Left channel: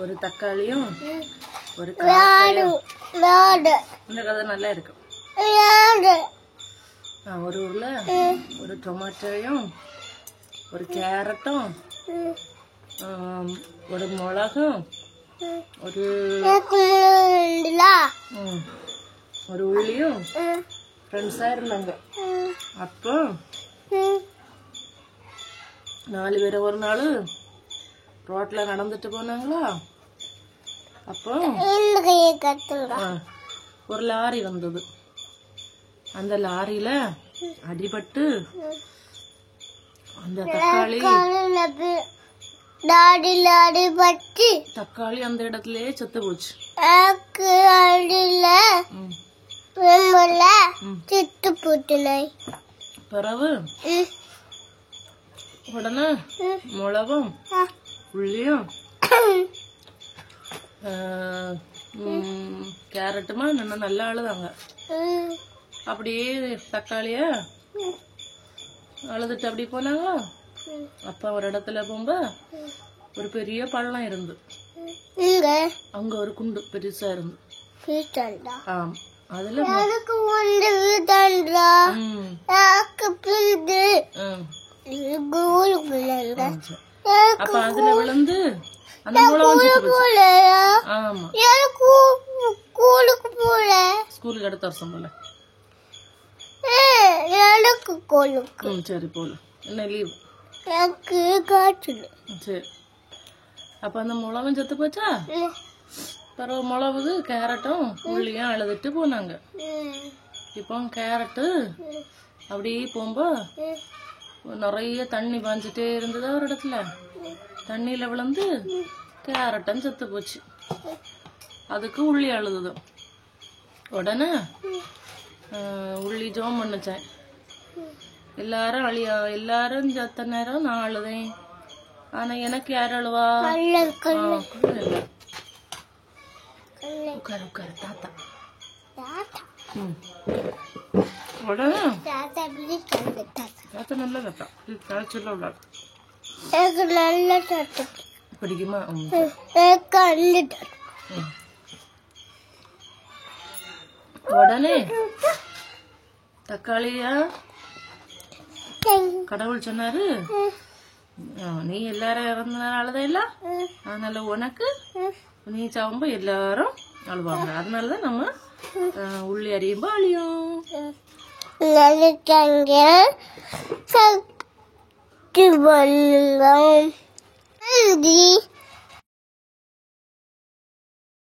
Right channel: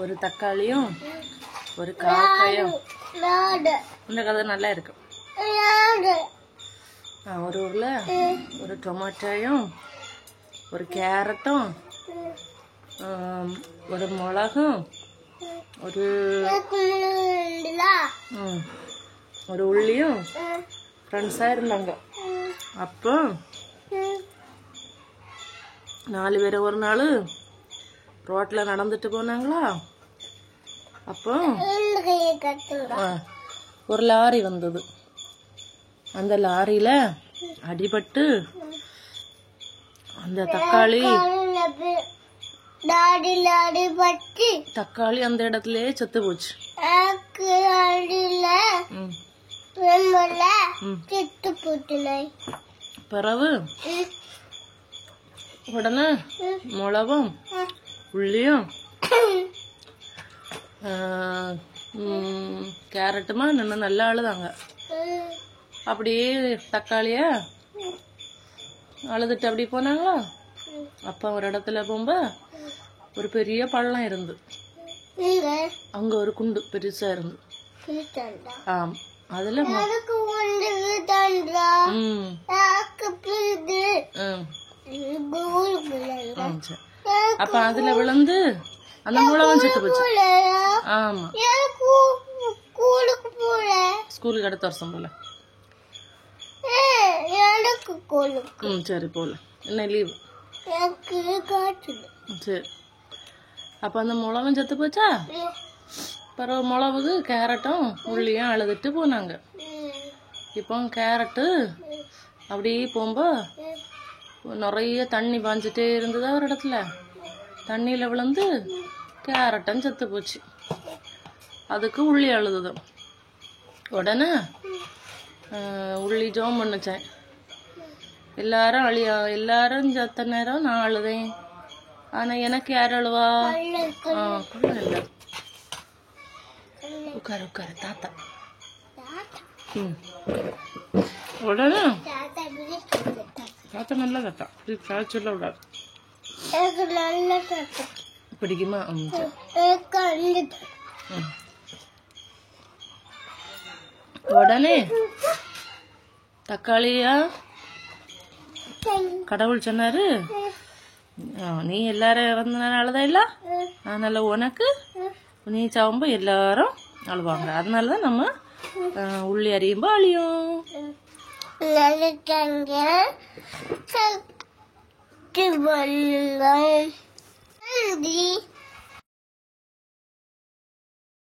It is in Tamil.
ஒரு தக்காளியும் ஒரு காக்கையும் இந்த கதை நல்லா இருக்கு. ஒரு உருளை ஒரு டொமேட்டோயும் ஒரு கேரட்டும் ஒரு மிளகும் ஒரு உள்ளியும் ஃப்ரெண்ட்ஸா இருந்தாங்க. அப்போ 4 பேர் ஒரு நாள் ரோட்ல நடந்துட்டு போனாங்களா. அப்போ ஒரு லாரி வந்தது. அந்த லாரியில அடிபட்டு அந்த தக்காளி அந்த இடத்துலயே செத்து போச்சு. பிறகு உடனே மிளகும் உள்ளியும் கேரட்டுமா நின்று நல்லா அழுதாங்க. அப்படியே தக்காளிய அழுதுட்டு அப்படி போனாங்களா. அப்ப ஒரு இடத்துல போகும்ப ஒரு பெரிய பள்ளம் இருந்து அங்க ஒரு குண்டு பெருசா இருந்து அதுல அப்ப அதுல விழுந்து அந்த மூலம் செத்து போச்சு. ஆமா ஸ்கூலுக்கு அடுத்த வருஷம் போல. சரி போல என்ன லீவு. சரி அப்ப அந்த மிளகும் செத்து போச்சா. பிறகு மிளகு கேரட்டும் உள்ளியும் அழுதுட்டு போனாங்க. இப்போ கேரட்டு அப்படியே போகும்போ நிறைய தண்ணி பாஞ்சிட்டே இருந்ததா ஒரு இடத்துல. தண்ணியில விழுந்து கேரட்டும் செத்து போச்சு. அதுக்கு உள்ளி அழுதுது. உடனே உள்ளி ஜோம் பண்ணுச்சேன். எல்லாரும் எல்லாரும் செத்த நேரம் நான் அழுதேன். ஆனா எனக்கு யார் அழுவா. உட்காரு உட்காரு தாத்தா. உடனே தாத்தா நல்ல தாத்தா சொல்ல விடாது. பிடிக்குமா. உடனே தக்காளியா கடவுள் சொன்னாரு, நீ எல்லாரும் இறந்தனாலதான் இல்ல, அதனால உனக்கு நீ சாவும்போ எல்லாரும் அழுவாங்க. அதனாலதான் நம்ம உள்ளி அறியும்போ அழியும்.